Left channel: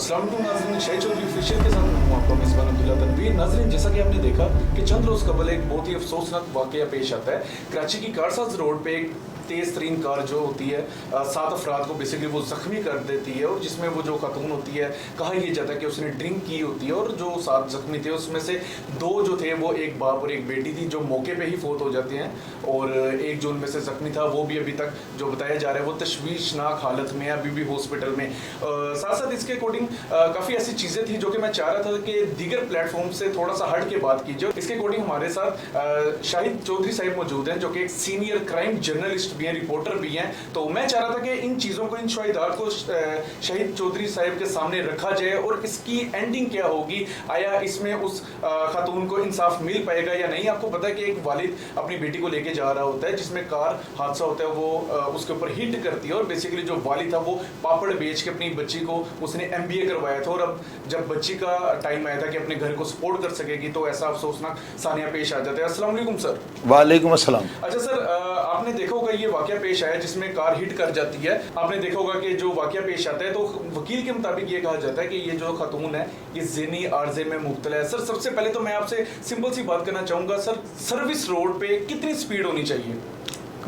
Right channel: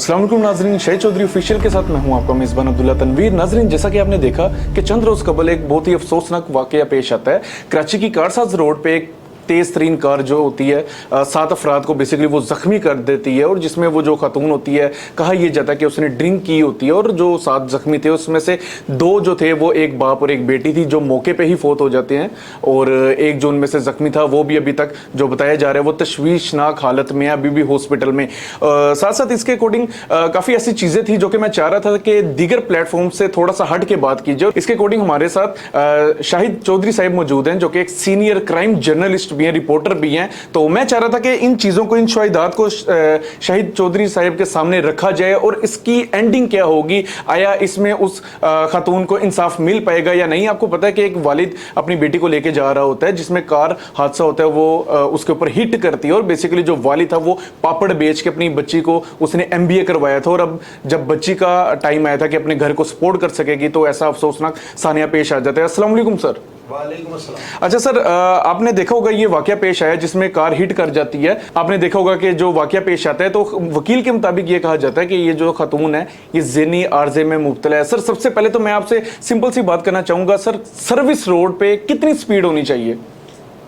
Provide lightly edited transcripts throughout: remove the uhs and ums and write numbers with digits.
अस्सलाम वालेकुम नाजरीन, शहीद चौधरी ऑफिशियल के साथ मैं हूं आपका मेज़बान अब्दुल्ला तनवीर। नाजरीन, जैसा कि आपने देखा कि चंद रोज कबल एक बहुत ही अफसोसनाक वाकया पेश आता है। कराची की कारसाज रोड पे एक तेज तरीन कार जो होती है 7 अफराद को बेसिकली वो जख्मी कर देती है, और जिसमें वो जो खातून होती है कहा यह जाता है कि उसने ड्रिंक की होती है, और जो 7 जख्मी थे उसमें से 2 जो थे वो एक बाप और एक बेटी थी जो मौके पे ही फौत हो जाते हैं, और एक जो उनमें से जख्मी था वो भी अभी तक जो बताया जा रहा है वो तशवीशनाक हालत में है, अभी भी हॉस्पिटल में। साथ साथ इसके अकॉर्डिंग काफ़ी ऐसी चीज़ें थी जो कि मैं चाह रहा था कि दीगर प्लेटफॉर्म से थोड़ा सा हट के बात कीजिए। इसके अकॉर्डिंग हमारे साथ शाहिद चौधरी साहब मौजूद हैं जो कि एक सीनियर क्राइम जर्नलिस्ट भी हैं, रिपोर्टर भी हैं। तो मैं चाह रहा था कि इन चीज़ों को, इन शवाहिदात को शाहिद चौधरी साहब के सामने रखा जाए और इसकी एंडिंग क्या होगी, आया इसमें उस खातून को इंसाफ मिल पाएगा या नहीं। आपको पता है कि एक वालिद अपनी बेटी को लेके जा रहा होता है जिसमें कार हादसा होता है, वो उसके ऊपर हिट करती है, और बेसिकली जो वालिद था वो पापड़ बेच के अपनी बच्ची को उसने MBA करवाया था, और अब जब बच्ची का टाइम आया था कि अपने घर को सपोर्ट कर सकेगी तो ऐसा अफसोसनाक सानिया पेश आ जाता है। अस्सलाम वालेकुम सर। वालेकुम अस्सलाम। अच्छा सर, आपने देखा होगा ये वाकया पेश आया जिसमें कार हिट कर जाती है। आपने देखा होगा कि जो वाकया पेश आता है तो वकील के मुताबिक ये कहा जाता है कि ये जो खातून है ये ज़हनी आर्जे में मुब्तला है। सर, सबसे पहले तो मैं आपसे सिंपल सी बात करना चाहूंगा, सर सर्विस रोड पे कितनी स्पीड होनी चाहिए?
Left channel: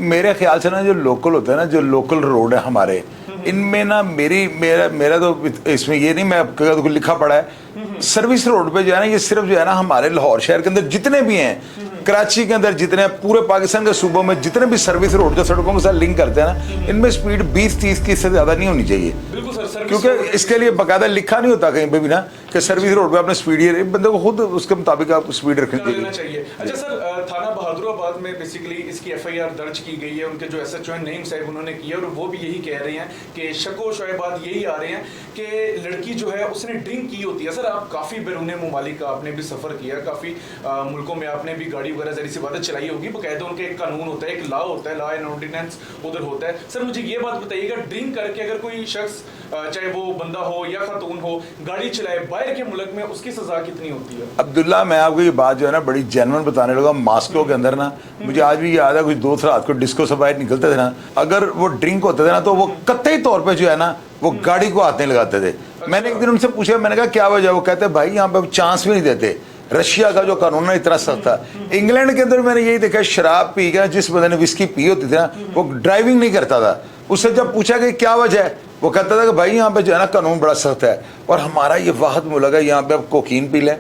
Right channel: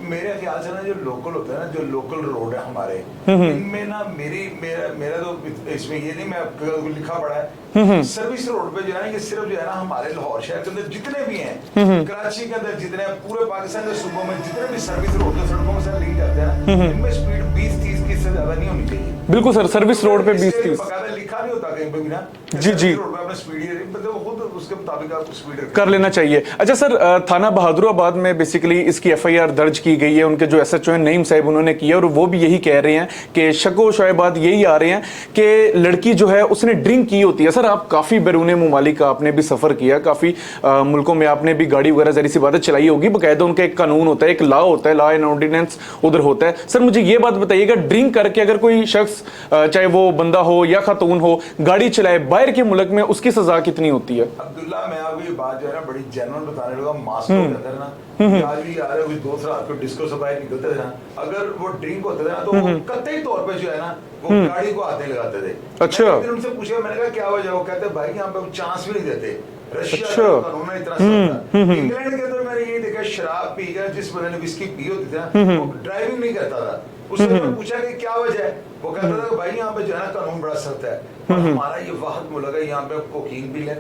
मेरे ख्याल से ना जो लोकल होता है ना, जो लोकल रोड है हमारे, इनमें ना मेरा तो इसमें ये नहीं, मैं लिखा पड़ा है सर्विस रोड पे जो है ना, ये सिर्फ जो है ना हमारे लाहौर शहर के अंदर जितने भी हैं, कराची के अंदर जितने, पूरे पाकिस्तान के सूबों में जितने भी सर्विस रोड जो सड़कों के साथ लिंक करते हैं ना, इनमें स्पीड 20-30 की से ज्यादा नहीं होनी चाहिए। बिल्कुल सर, सर्विस रोड पे इसके लिए बकायदा लिखा नहीं होता कहीं पे भी ना कि सर्विस रोड पे अपने स्पीड, बंदे को खुद उसके मुताबिक आप स्पीड कर लेना चाहिए। अच्छा सर, थाना बहादुराबाद में बेसिकली इसकी FIR दर्ज की गई है। उनके जो SHO नईम साहब उन्होंने किया, और वो भी यही कह रहे हैं कि शको शोएबाद यही आ रहे हैं कि लड़की जो है उसने ड्रिंक की होती है। सर, आप काफी बैरून मुमालिक का आपने भी सफर किया, काफी मुल्कों में आपने भी गाड़ी वगैरह जरी सी बातें चलाई होगी, बकायदा उनका एक कानून होता है, एक लॉ होता है, लॉ एंड ऑर्डिनेंस उधर होता है। सर, मुझे ये बात बताइएगा, ड्रिंक करके अगर कोई शख्स, चाहे वो बंदा हो या खातून हो, गाड़ी चलाए बाहर के मुल्क में, उसकी सजा कितनी होती है? अब्दुल्ला, मैं आपको ये बात जो है ना बड़ी जेन्युइन बताने लगा। मास्को के अंदर ना, मुझे आज भी याद है, कुछ दोस्त रात को डिस्को से बाहर निकलते थे ना, अगर वो ड्रिंक होते थे ना तो वो कतई तौर पे जो है ना वो गाड़ी को हाथ नहीं लगाते थे। अच्छा। मैंने एक दिन उनसे पूछा, मैंने कहा क्या वजह? वो कहते भाई यहाँ पे चांस भी नहीं देते, रशिया का जो कानून है इतना सख्त है। इंग्लैंड के अंदर मैंने यही देखा, शराब पी गया, जिस बंदे ने विस्की पी होती थी ना वो ड्राइविंग नहीं करता था। उससे जब पूछा कि क्या वजह है, वो कहता था कि भाई यहाँ पे जो है ना कानून बड़ा सख्त है, और हमारा ये वाहद मुल्क है, यहाँ पे आप कोकीन पी लें,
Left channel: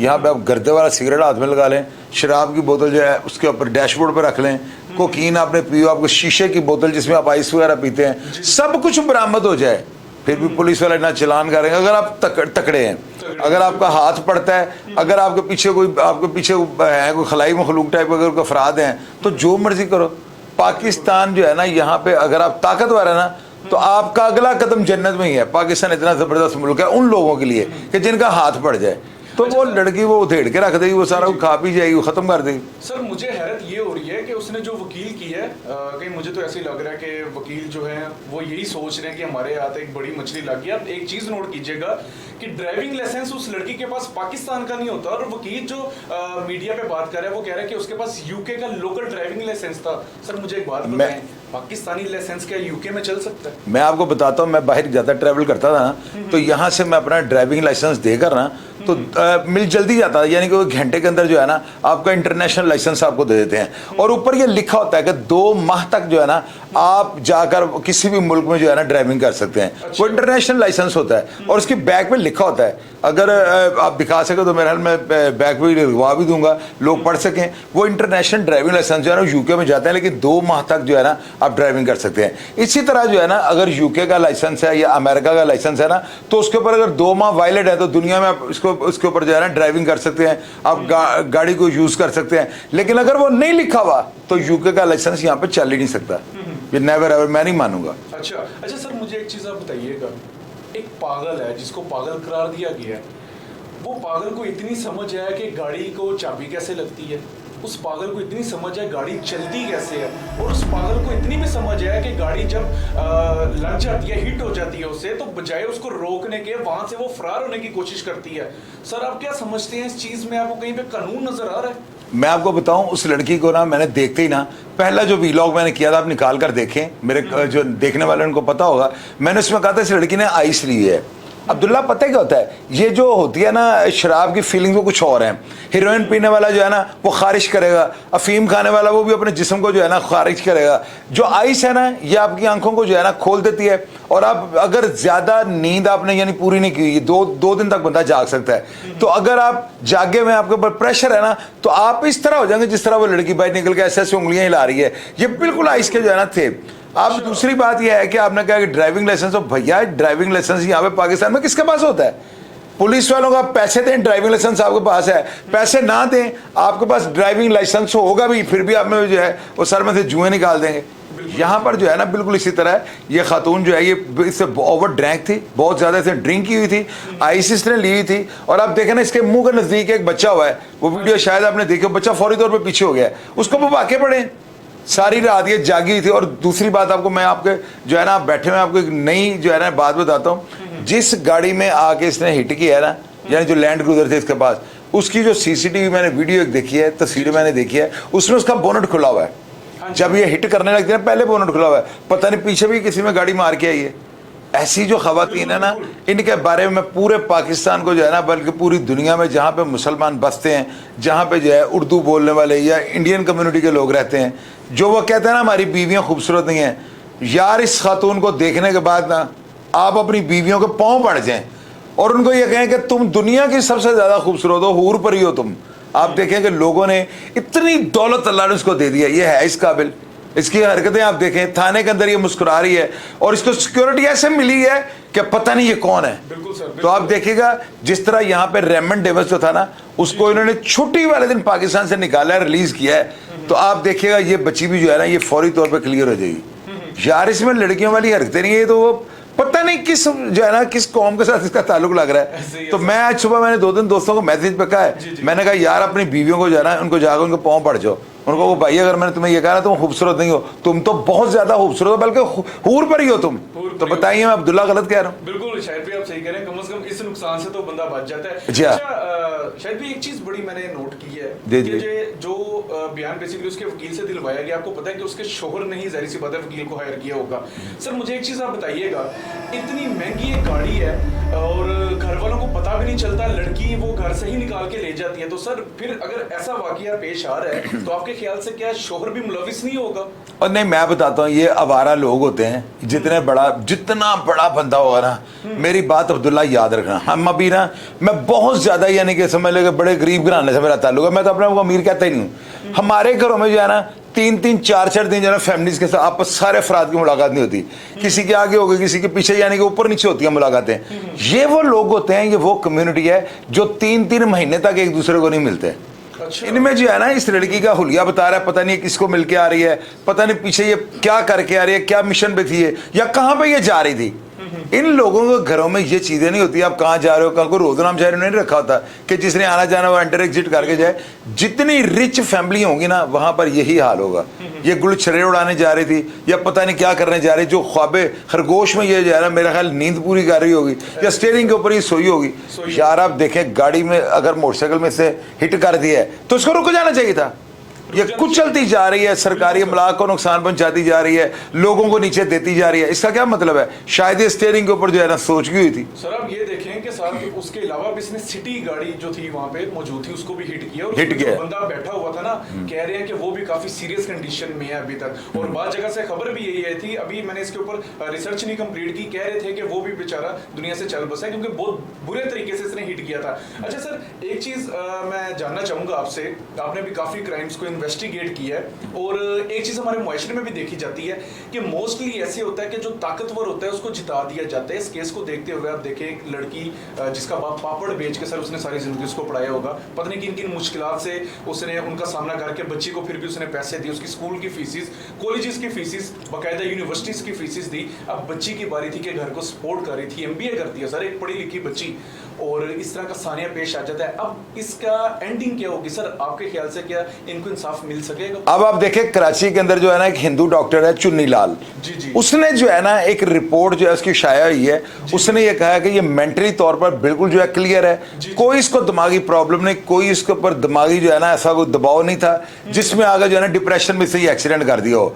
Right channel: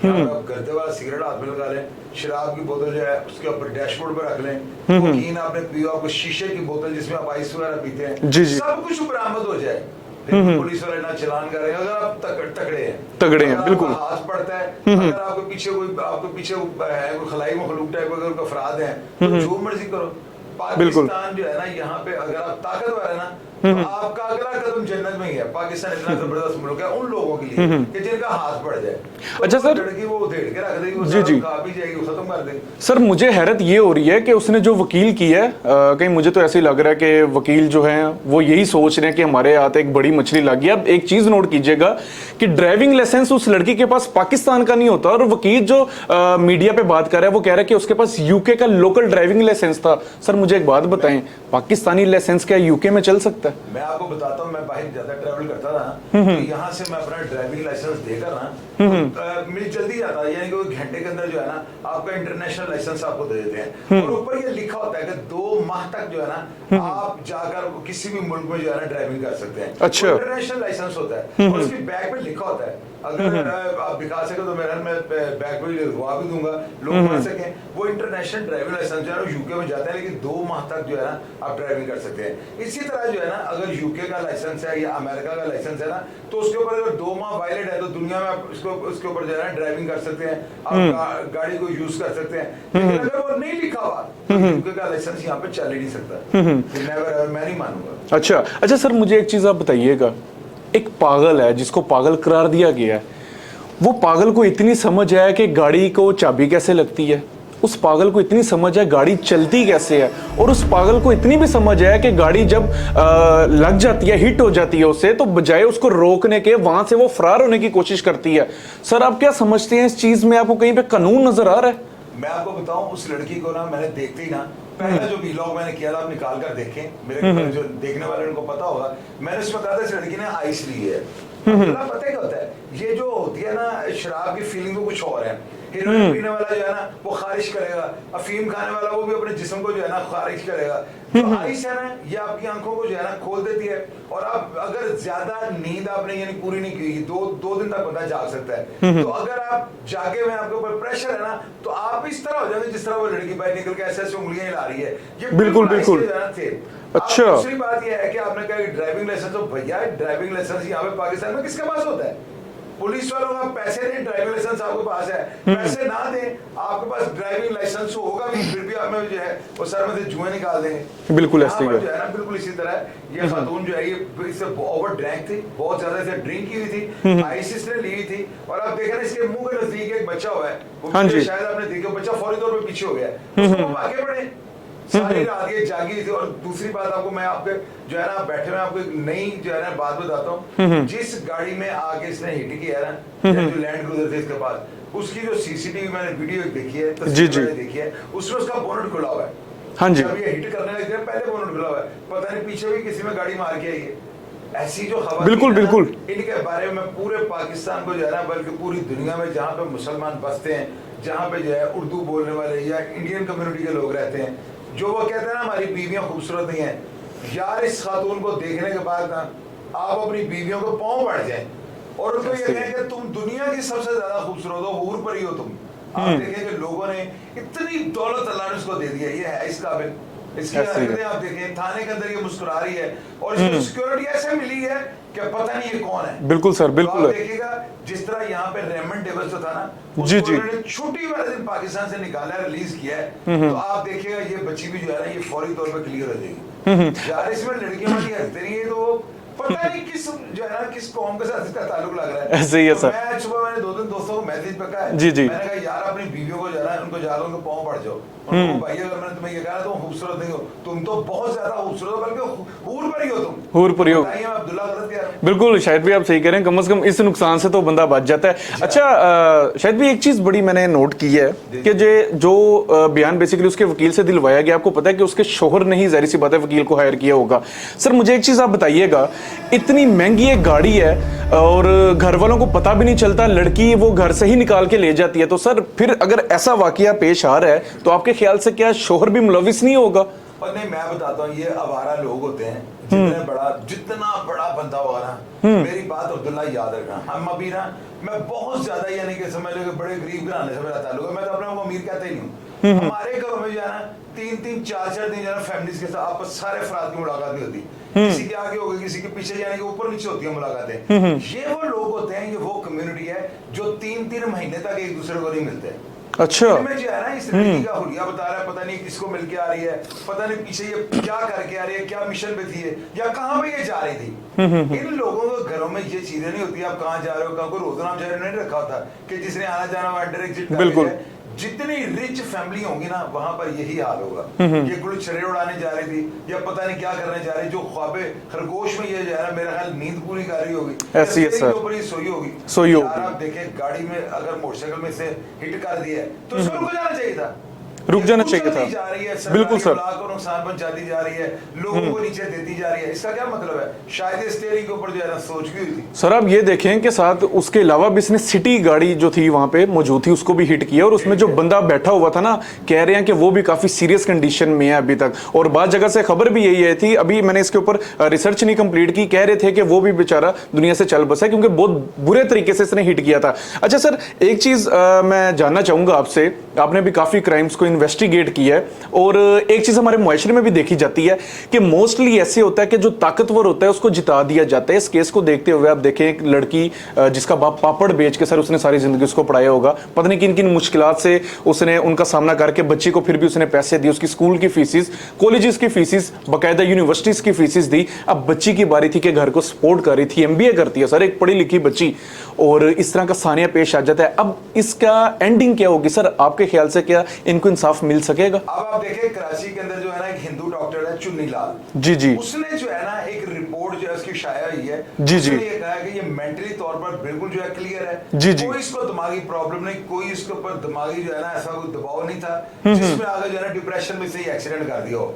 यहाँ पे आप गर्दे वाला सिगरेट हाथ में लगा लें, शराब की बोतल जो है उसके ऊपर डैशबोर्ड पे रख लें, कोकीन आपने पियो, आपको शीशे की बोतल जिसमें आप आइस वगैरह पीते हैं, सब कुछ बरामद हो जाए, फिर भी पुलिस वाले ना चलान करेंगे अगर आप तकड़े हैं, अगर आपका हाथ पड़ता है, अगर आपके पीछे है कोई खलाई मखलूक टाइप अगर कोई अफराद हैं तो जो मर्जी करो। पाकिस्तान जो है ना, यहाँ पे अगर आप ताकतवर है ना तो आपका अगला कदम जन्नत में ही है। पाकिस्तान इतना जबरदस्त मुल्क है उन लोगों के लिए कि जिनका हाथ पड़ जाए तो अच्छा, वो लड़की वो उधेड़ के रख देगी, वो सारा खा पी जाएगी, वो खत्म कर देगी। सर, मुझे हैरत ये हो रही है कि उसने जो वकील की है, कहीं मुझे तो ऐसे ही लग रहा है कि वकील जो है वो यही सोच रहे हैं कि हमारे हाथ एक बड़ी मछली लग गई। अब एक चीज नोट कीजिएगा कि ड्राइविंग लाइसेंस उस लड़की के पास पाकिस्तान का नहीं होता, और वकील जो मीडिया पे बात कर रहा है वो कह रहा है कि उसके पास UK का लोकल ड्राइविंग लाइसेंस था। सर, मुझे एक बात बताएं, पाकिस्तानी लाइसेंस क्या UK में चल सकता है? मैं आपको बताता हूँ, मैं बाहर ज्यादा ट्रैवल करता था ना, तो यहाँ से मैं अपना ड्राइविंग लाइसेंस देकर ना तो मिल जल्दी जाता है, यानी कि 1 घंटे के अंदर जो है ना आपका इंटरनेशनल लाइसेंस आपको दे देते हैं, और ऊपर ये लिखा होता है कि 2 माह तक जो है ना आप जाकर किसी भी मुल्क में जो है ना ड्राइविंग कर सकते हैं। अच्छा। वो इंटरनेशनल लाइसेंस होता है, और उसकी बैग पे लिखा होता है, अगर आप दिखा सके तो मेरे हाल में बैग पे लिखवा भी दूंगा, लोग पढ़ सकें। वो इंटरनेशनल ड्राइविंग लाइसेंस जो है ना UK में जाते हैं, लेकिन 2 माह तक जो है ना आप ड्राइविंग कर सकते हैं। इसी तरह जो है ना अगर UK का लाइसेंस है या अमेरिका का लाइसेंस है ना, तो उसके ऊपर अगर 2 माह वायलेट है तो दुनिया में आप उसके ऊपर जो है ना ड्राइविंग कर सकते हैं, आप गाड़ी को यूज कर सकते हैं। लेकिन अगर वो नहीं लिखा हुआ तो UK का लाइसेंस यहाँ पे चल ही नहीं सकता। ये नेवर एवर, मैं नहीं मानूंगा। अच्छा सर, मुझे एक चीज आप बताइएगा, एक पागल है जिसको पागल करार दिया गया है, वो पागल को इतनी समझ है कि गाड़ी को चाबी कैसे लगती है, उस पागल को इतनी समझ है गाड़ी चलती कैसे है, और उस पागल को इतनी भी समझ है कि गाड़ी जब लग जाती है, हिट हो जाती है उससे, तो बजाय उसको रोकने के वहां से वो फरार होने की कोशिश करती है। सर, आप क्या समझते हैं इस चीज में? आपको कहीं पे कानून नजर आ रहा है? मैं आपको बताऊं, उस लड़की को ना मैंने देखते ही ना, पहला जो वीलॉग मैंने किया था, आप निकाल कर देखें, मेरे जो देखने वाले उनको पता होगा, मैंने उसमें कहा था इस लड़की ने आइस ली है, अब्दुल्ला पता है क्या होता है, ये जो होती है ना शराब की फीलिंग वो कुछ और है। हीरोइन पीने वाला जो है ना वो खारिज करेगा, अफीम खाने वाला वो भी अपने जिस्म को जो है ना खारिज करेगा। जो आइस है ना ये आपकी आंखों को जो है ना खोल देती है, और आप अगर ज्यादा नींद आपने यानी पूरी नहीं की, दो दिन तक बंदा जाग सकता है। तो अगर आप जागे में आपके ऊपर प्रेशर है ना तो आप इस तरह हो जाएंगे जिस तरह वो लड़की बाहर निकल के ऐसे ऐसे उंगलियां हिला रही है। ये बिल्कुल आइस के जो है ना थे। अब दूसरी बात यह है कि आपने कहा कि ड्राइविंग लाइसेंस, तो भैया ड्राइविंग लाइसेंस यहाँ पे पाकिस्तान में किसके पास होता है? पुलिस वालों का पैसे दें, ड्राइविंग लाइसेंस आपके पास है, पैसे ना दें आपके पास ड्राइविंग लाइसेंस होगा भी, फिर भी आप में जो है वो सर में से जुएं निकाल देंगे। बिल्कुल यहाँ पर जो है ना बिल्कुल इसी तरह है। ये खातून जो है ये इससे ओवर ड्रैंक थी, बहुत ज्यादा इसे ड्रिंक की हुई थी, आइसिस ने ली हुई थी। और आप देखें ना इसके मुंह के नजदीक एक बच्चा हुआ है, वो वीडियो शायद आपने देखा, बच्चा फौरी तौर पर पीछे हो गया, उसको वो वाकई पड़े। सारी रात ये जागी थी। और दूसरी बात आपको मैं आपके जो है ना बैठे में आपको एक नई जो है ना बात बताता हूँ। जिस गाड़ी में आके इसने हिट किया है ना, यानी जो लैंड क्रूजर थे इसके पास, उसकी जो सीसीटीवी मैंने वीडियो देखी है, तस्वीर मैंने देखी है, उसमें उसका बोनट खुला हुआ है। जब ये हिट करने लगते हैं पहले बोनट खुला हुआ है, पता नहीं पीछे भी किसी में गाड़ी मार के आई है। ऐसी जो खवातीन है ना, इनके बारे में पूरे पाकिस्तान को जो है ना, बल्कि पूरी दुनिया में जहाँ पे मुसलमान बसते हैं, जहाँ पे जो है उर्दू बोलने वाले या इंडियन कम्युनिटी के लोग रहते हैं, जो वो कहते हैं ना हमारी बीवियां खूबसूरत नहीं है, यार इस खातून को देखने के बाद ना आप अपनी बीवियों के पांव पड़ जाएं और उनको ये कहें कि तुम दुनिया की सबसे ज्यादा खूबसूरत हो, हूर परी हो तुम। आप देखें कि लोगों ने इतनी दौलत अल्लाह ने उसको दे दिया, ये है इस काबिल। इसकी हरकतें आप देखें, थाने के अंदर ये मुस्कुरा रही है और इसको सिक्योरिटी ऐसे मिली है कि पता नहीं ये कौन है। बिल्कुल सर, बिल्कुल। तो आप देखिएगा जिस तरह यहाँ पे रेमंड डेविस जो था ना, उसको इन्होंने छुट्टी वाले दिन पाकिस्तान से निकाला, रिलीज किया है। तो आप देखिएगा ये बच्ची भी जो है ना ये फौरी तौर पे क्लियर हो जाएगी। यार इसमें लड़कियों वाली हरकतें नहीं है, तो वो पता नहीं किस जो है ना किस कौम के साथ इसका ताल्लुक लग रहा है। तो मैं आज सुबह मैंने 2 दोस्तों को मैसेज पे कहा है, मैंने कहा यार अपनी बीवियों को जो है ना उनको जाकर उनके पाँव पड़ जाओ, उनको भाई अगर मैंने तुम्हें ये कहा ना तुम खूबसूरत नहीं हो, तुम तो बहुत ज्यादा खूबसूरत हो, बल्कि हूर पर ही हो तुम। हूर पर तो बताइए मैं अब्दुल्ला गलत कह रहा हूँ? बिल्कुल शायद भी आप सही कह रहे हैं, कम से कम इस नुकसान से तो बंदा बच जाता है। अच्छा शायद भी एक चीज बड़ी मैंने नोट की है कि जो बयान बेसिकली उसके वकील से दिलवाया गया, आपको पता है कि उसके शोहर ने ही जाहिर सी बात है वकील को हायर किया होगा। सर मुझे एक चीज आप बताइएगा, इतनी महंगी एक गाड़ी है और घर वालों को पता भी नहीं चलता, लड़की वो घर से ही निकाल के ले जाती है, तो सर फिर अगर ऐसा वाकया पेश आ रहा है तो आपके ख्याल से क्या शोहर भी मुलविस नहीं होगा? और नहीं मैं बताता हूँ, ये आवारा लोग होते हैं, जितना बड़ा बंदा होगा ना, मेरी बात अब्दुल्ला याद रखना, हम अभी ना मैं बहुत ज्यादा यानी कि समझ लो बड़े गरीब घराने से मेरा ताल्लुक है, मैं तो अपने को अमीर कहता ही नहीं। हमारे घरों में जो है ना 3-3, 4-4 दिन जो है फैमिलीज के साथ आपस सारे अफराद की मुलाकात नहीं होती, किसी के आगे होगी किसी के पीछे, यानी कि ऊपर नीचे होती है मुलाकातें। ये वो लोग होते हैं, ये वो कम्युनिटी है जो 3-3 महीने तक एक दूसरे को नहीं मिलते। अच्छा, इनमें जो है ना इस लड़की का हुलिया बता रहा है, पता नहीं किसको मिलके आ रही है, पता नहीं पीछे ये क्या करके आ रही है, क्या मिशन पे थी ये, या कहां पे ये जा रही थी। इन लोगों के घरों में ये चीजें नहीं होती, आप कहां जा रहे हो, कल को रोजनाम शहर नहीं रखा होता कि जिसने आना जाना वो एंटर एग्जिट करके जाए। जितनी रिच फैमिली होंगी ना वहां पर यही हाल होगा। ये गुलछरे उड़ाने जा रही थी या पता नहीं क्या करने जा रही, जो ख्वाबे खरगोश में ये जा रहा है, मेरा ख्याल नींद पूरी कर रही होगी या स्टीयरिंग के ऊपर ही सोई होगी। यार आप देखें गाड़ी में अगर मोटरसाइकिल में से हिट कर दिया है तो उसको रुक जाना चाहिए था। ये कुछ चलती जा रही है, सरकारी अमलाक को नुकसान पहुंचाती जा रही है, लोगों को नीचे देती जा रही है, इसका क्या मतलब है? शायद ये स्टीयरिंग के ऊपर जो है ना सोच की हुई थी। सर आप ये देखें कि साथ उसके अलावा भी इसने सिटी गाड़ी जो थी वहां पे मौजूद थी उसको भी हिट किया, और उसमें जो बंदा बैठा हुआ था ना, कह रहे हैं कि वो भी काफी सीरियस कंडीशन में है अभी तक। और बाद जगह से खबर भी यही थी, अभी मैंने इसके ऊपर रिसर्च नहीं कंप्लीट की, कह रहे थे कि वो भी बेचारा दुनिया से चल बसा है क्योंकि बहुत बुरे तरीके से इसने हिट किया था। अच्छा सर एक चीज मैं जानना चाहूंगा आपसे, आपने भी काफी क्राइम्स को इन्वेस्टिगेट किया और एक चीज हमारे मुआशरे में भी देखी जाती है कि मोस्टली ऐसे होता है कि जो ताकतवर होता है उसको जिता दिया जाता है। इस केस को देखते हुए आप देखें एक लड़की जिसका बाप पापड़ बेच के सर उसने सारी जिंदगी उसको पढ़ाया होगा, पता नहीं किन किन मुश्किलात से उसने उनका सामना करके बच्ची को फिर भी उसने पैसे दिए, उसकी स्कूल की फीसिस, कॉलेजेस की फीसिस, बाकायदा यूनिवर्सिटीज की फीसिस दी। अब बच्ची की बारी थी कि घर को सपोर्ट कर रही थी, एमबीए करती है सर, एक पढ़ी लिखी बच्ची, और इस तरह का सानिया पेश आ जाता है। अब इसका एंडिंग क्या होगी सर आपके ख्याल से? क्या इनको इंसाफ मिल सकेगा? अब आप देखें कराची के अंदर जो है ना एक हिंदू डॉक्टर है चुन्नी लाल, जी, उसने जो है ना एक रिपोर्ट जो है उसकी शाया हुई है, उसने ये कहा कि ये मेंटली तौर पर बिल्कुल जो है क्लियर है, कोई इसको दिमागी प्रॉब्लम नहीं, कोई इसके ऊपर दिमागी जो है ना ऐसा कोई दबाव नहीं था जिसमें आगे जो है ना डिप्रेशन में से ही एक्सीडेंट कर दिया हो।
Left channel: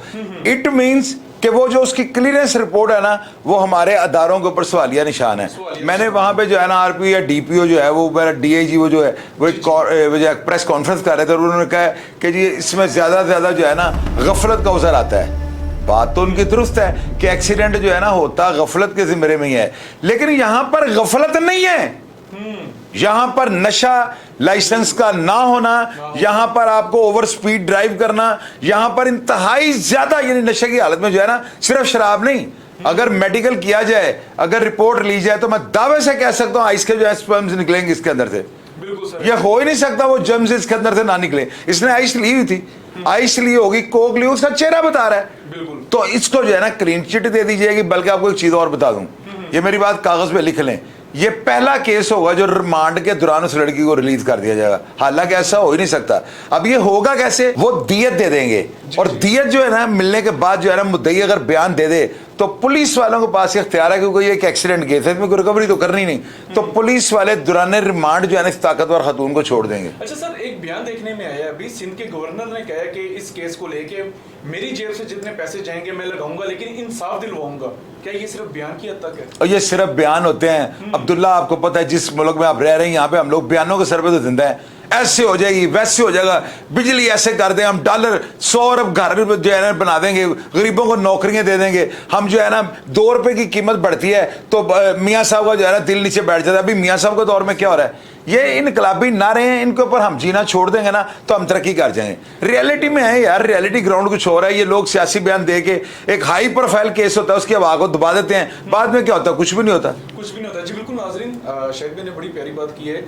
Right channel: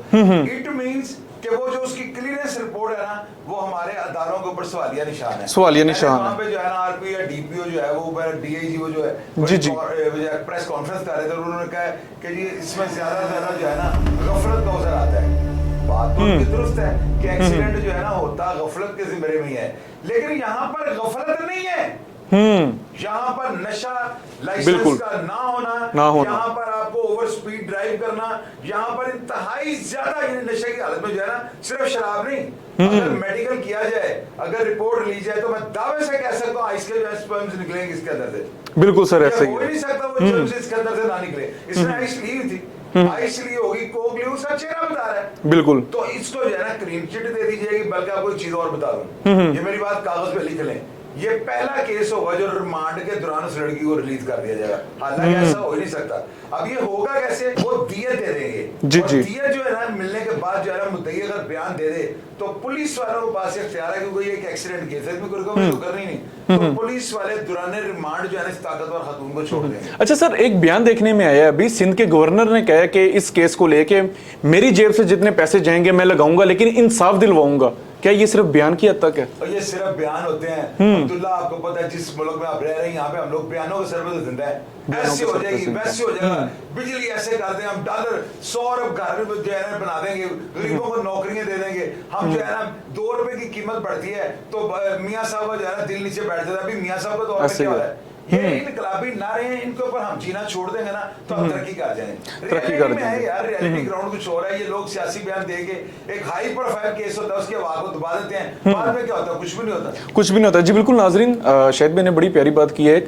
इट मींस कि वो जो उसकी क्लियरेंस रिपोर्ट है ना, वो हमारे अदारों के ऊपर सवालिया निशान है। मैंने वहां पे जो है ना आरपी या डीपीओ जो है, वो मेरा डीआईजी वो जो है प्रेस कॉन्फ्रेंस कर रहे थे और उन्होंने कहा कि जी इसमें ज्यादा से ज्यादा जो है ना गफलत का उजर आता है। बात तो उनकी दुरुस्त है कि एक्सीडेंट जो है ना होता गफलत के जिम्मे में ही है, लेकिन यहां पर गफलत नहीं है। यहां पर नशा लाइसेंस का ना होना, यहां पर आपको ओवर स्पीड ड्राइव करना, यहां पर इंतहाई ज्यादा यानी नशे की हालत में जो है ना, सिर्फ शराब नहीं, अगर मेडिकल किया जाए, अगर रिपोर्ट ली जाए, तो मैं दावे से कह सकता हूं आइस के जो है स्पर्म्स निकलेंगे इसके अंदर से। बिल्कुल सर, यह हो ही नहीं सकता वो जर्म्स इसके अंदर से ना निकले। इसने आइस ली हुई थी, आइस ली होगी, कोक ली, उसका चेहरा बता रहा है। बिल्कुल। तो इसको जो है ना क्लीन चिट दे दी जाएगी। बल्कि आपको एक चीज और बता दूं, ये मेरी बात कागज पे लिख लें, ये पहला केस होगा जो रिमांड के दौरान उस लड़की को रिलीज कर दिया जाएगा। हालांकि ऐसा हो ही नहीं सकता। अब ये होगा कैसे, वो दियत दे देंगे, और दियत जो है ना मिलने के बाद जो है ना मुद्दई अगर बयान दे दे तो पुलिस वालों के पास इख्तियार है, क्योंकि ये एक एक्सीडेंट केस है, इसमें कोई रिकवरी तो करनी नहीं, तो पुलिस वाले दौरान रिमांड जो है ना इस ताकतवर खातून को छोड़ देंगे। अच्छा सर, एक बयान देखने में आया अभी, सिंध के गवर्नर ने कहा कि इस केस को लेके मेरी जेब से जितने पैसे जाएंगे मैं लगाऊंगा, लेकिन इंसाफ दिलवाऊंगा। क्या ये सिर्फ बयान की हद तक है? और ये सिर्फ बयान होते हैं अब्दुल्ला, आपको पता है जिस मुल्क में आप रह रहे हैं, यहाँ पे हम लोग बयानों के सर पे तो जिंदा है। ऐसे हो जाएगी, वैसे हो जाएगा, बिजली ऐसे कर दें, हम डॉलर 100 अरब घर जो है ना बना देंगे, गरीबों को नौकरियां दे देंगे हम, जो है ना 2 रुपए की कीमत बढ़ती है तो मियाँ साहब का जो है ना दिल नीचे बैठ जाता है। अभी मियाँ साहब के दौर में क्या हो रहा है, ये इनकलाबी ना रहे, इनके ऊपर हम जीना छोड़ देंगे ना तो हम तरक्की कर जाएंगे। रियलिटी में है यार, रियलिटी ग्राउंड कुछ हो रहा है। ये लोग सियासी बयान दे के, एक हाई प्रोफाइल केस होता है उसकी हवा को दबा देते हैं, बाद में क्या होता है, कुछ भी नहीं होता, कुछ भी नहीं होता। जी बिल्कुल नाजरीन, शाहिद भाई ने बड़ी प्यारी बात की है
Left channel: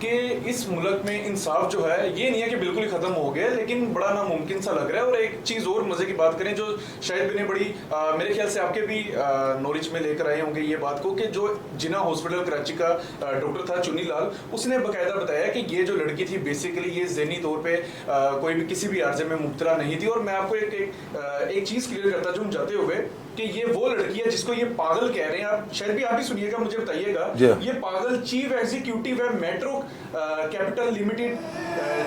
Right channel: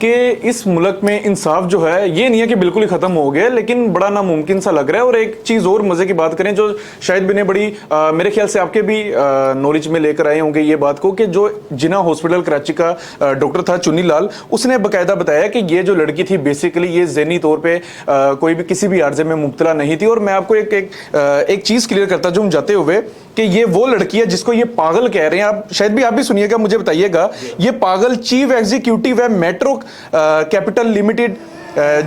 कि इस मुल्क में इंसाफ जो है ये नहीं है कि बिल्कुल ही खत्म हो गया, लेकिन बड़ा नामुमकिन सा लग रहा है। और एक चीज और मजे की बात करें जो शायद भी ने बड़ी मेरे ख्याल से आपके भी नॉलेज में लेकर आए होंगे ये बात को, कि जो जिना हॉस्पिटल कराची का डॉक्टर था चुन्नी लाल, उसने बकायदा बताया कि ये जो लड़की थी बेसिकली ये ज़हनी तौर पे कोई भी किसी भी आर्जे में मुब्तला नहीं थी। और मैं आपको एक चीज क्लियर करता जाऊं जाते हुए कि ये वो लड़की है जिसको ये पागल कह रहे हैं। आप शायद भी आप भी सुनिएगा, मुझे बताइएगा, ये पागल चीफ एग्जीक्यूटिव है metro capital limited,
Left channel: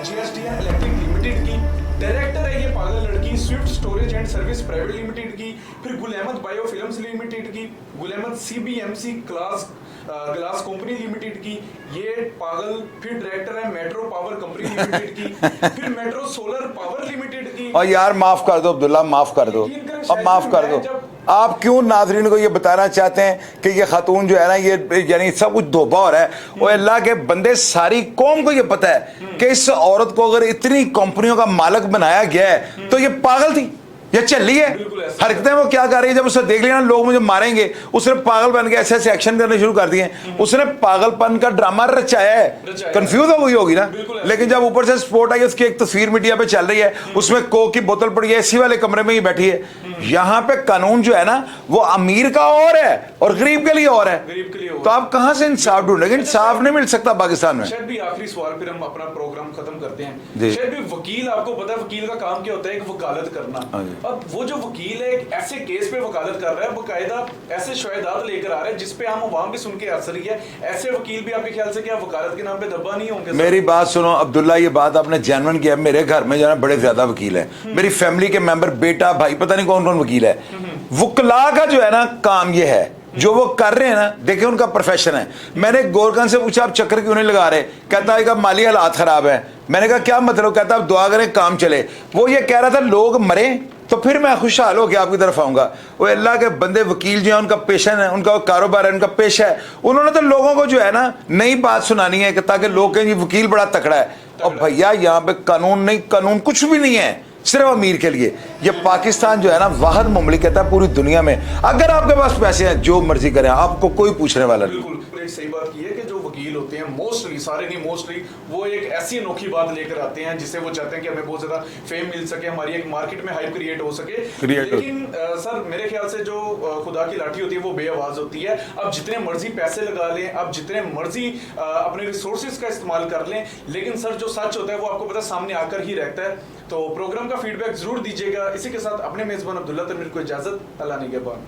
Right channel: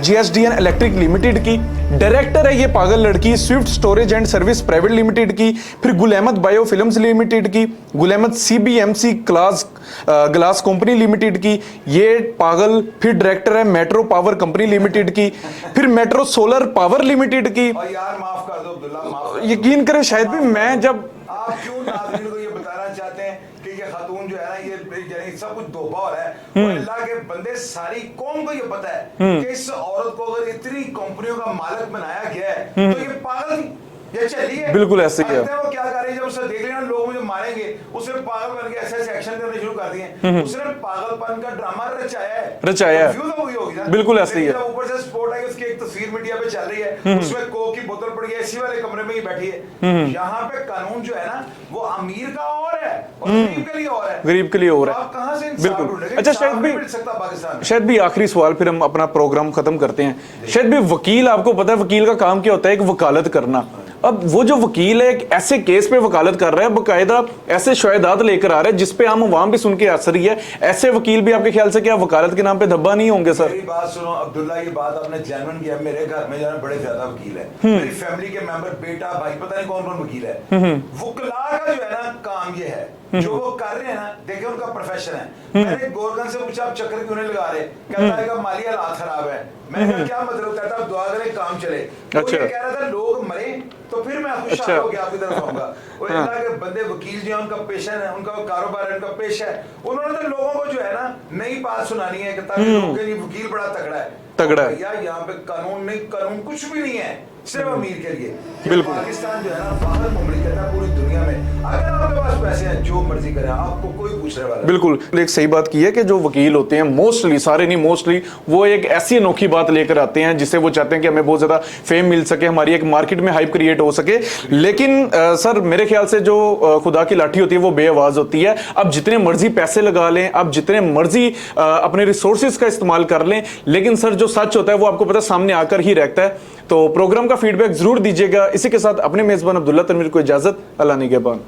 GSDN electric limited की डायरेक्टर है ये पागल लड़की, Swift storage and service private limited की, फिर Gul Ahmed bio films limited की, Gul Ahmed CBMC glass company limited की ये पागल, फिर डायरेक्टर है मेट्रो पावर कंपनी लिमिटेड की, फिर मेट्रो सोलर पावर लिमिटेड की। और यार माफ कर दो अब्दुल्ला, माफ कर दो, यकीन करें शायद भी मैं जब आप क्यों नाजरीन को ये बताना चाहते हैं कि ये खातून जो है ना ये यानी सब कुछ धोखा हो रहा है, वो अल्लाह के बंदे सारी कौम को ये पता है कि इस औरत को अगर इतनी कंपनियों का मालिक बनाया गया है तो ये पागल थी, ये चली है। बिल्कुल ऐसे हरकतें वो क्या कर रही है, जब उसे देख लिया ना लोग मुझे मारेंगे, उसने पागल बन के ऐसे ऐसे एक्शन करने शुरू कर दिए, उसने पागलपन का ड्रामा रचाया है, कंफ्यूज हो गई होगी ना। बिल्कुल। लेकिन जब ऊपर से स्पोर्ट आई, उसकी एक तस्वीर मीडिया पे चल रही है, उसमें कोक की बोतल पड़ी है, इसी वाले कमरे में ही बैठी है। यहाँ पे कानून जो है ना वो अमीर का और है और गरीब के लिए और है, गरीब के लिए और। तो आप कहां से इंसाफ ढूंढेंगे? इंसाफ नहीं मिल सकता पाकिस्तान में। शायद भी आखिरी सवाल, फिर हम अपना प्रोग्राम खत्म करते हैं। शायद भी वकील, आपको पता है वकील का काम क्या होता है, एक वकालत करना। अब वो जो वकील है एक ऐसे केस पे वकालत कर रहा है, बकायदा ऐसे शवाहिदात लेकर आ रहे हैं जिसपे आम अवाम भी सुन के असर ही है। ऐसे वकील भी आपके ख्याल से क्या वकालत के नाम पे धब्बा नहीं होंगे सर? मेरी बात सुनो अब्दुल्ला, ये बात आपने जेन्युइन किया। मेरे घर में जो है बड़े ज्यादा वकील है, मेरी फैमिली के मेंबर, बेटा, भाई, पता नहीं कौन कौन वकील है। वकला का जो है ना काम ये है, जो वो कर रहे हैं ना, देखिए उनका प्रोफेशन है। मैंने गोरखन से पूछा आप चक्कर क्यों नहीं लगा रहे, कहता है कि माली हालात खराब है। मैंने कहा क्या मतलब, कहता है दुआ करें काम चले। वो ये कह रहा था लोग मरे तो फिर मैं खुशहाल होकर आपकी तरफ आऊंगा। वो अल्लाह के बंदे वकील जो है उनका पेशन है, उनका कारोबार है, उनका पेशा है। उन्होंने तो लोगों को जो है ना नई बात सुनानी है ताकि लोग कहें वकील बड़ा तगड़ा है। भैया यहाँ पे कानून नहीं, कानून कुछ भी नहीं है, सिर्फ अमीर के लिए। ये पाकिस्तान जो है ना वाहिद मुमलिकत है पूरी दुनिया में, अगर आपके पास पैसे हैं जो मर्जी करें, आपको कोई पूछने वाला। बिल्कुल एक सही बात की है कि जो वकील होते हैं मोस्टली, सारे नहीं मोस्टली, वो एक ऐसी अनोखी बात लेकर आते हैं जिससे वो चाहते हैं कि हमें बहुत ज्यादा फेम मिल सके, हमारी एक मार्केट में हाइप क्रिएट हो सके। लेकिन सर मेरे ख्याल से जो खुदा की लाठी होती है वो बेआवाज होती है। अब जितने मर्जी पैसे लगा लें, अब जितने मर्जी अपने रिसोर्सेज का इस्तेमाल कर लें, लेकिन सर जो सच होता है वो आपको पता सामने आकर ही रहता है। तो प्रोग्राम का फीडबैक जरूर दीजिएगा। इसी के साथ अपने मेजबान अब्दुल्ला तनवीर को इजाजत, अल्लाह निगहबान।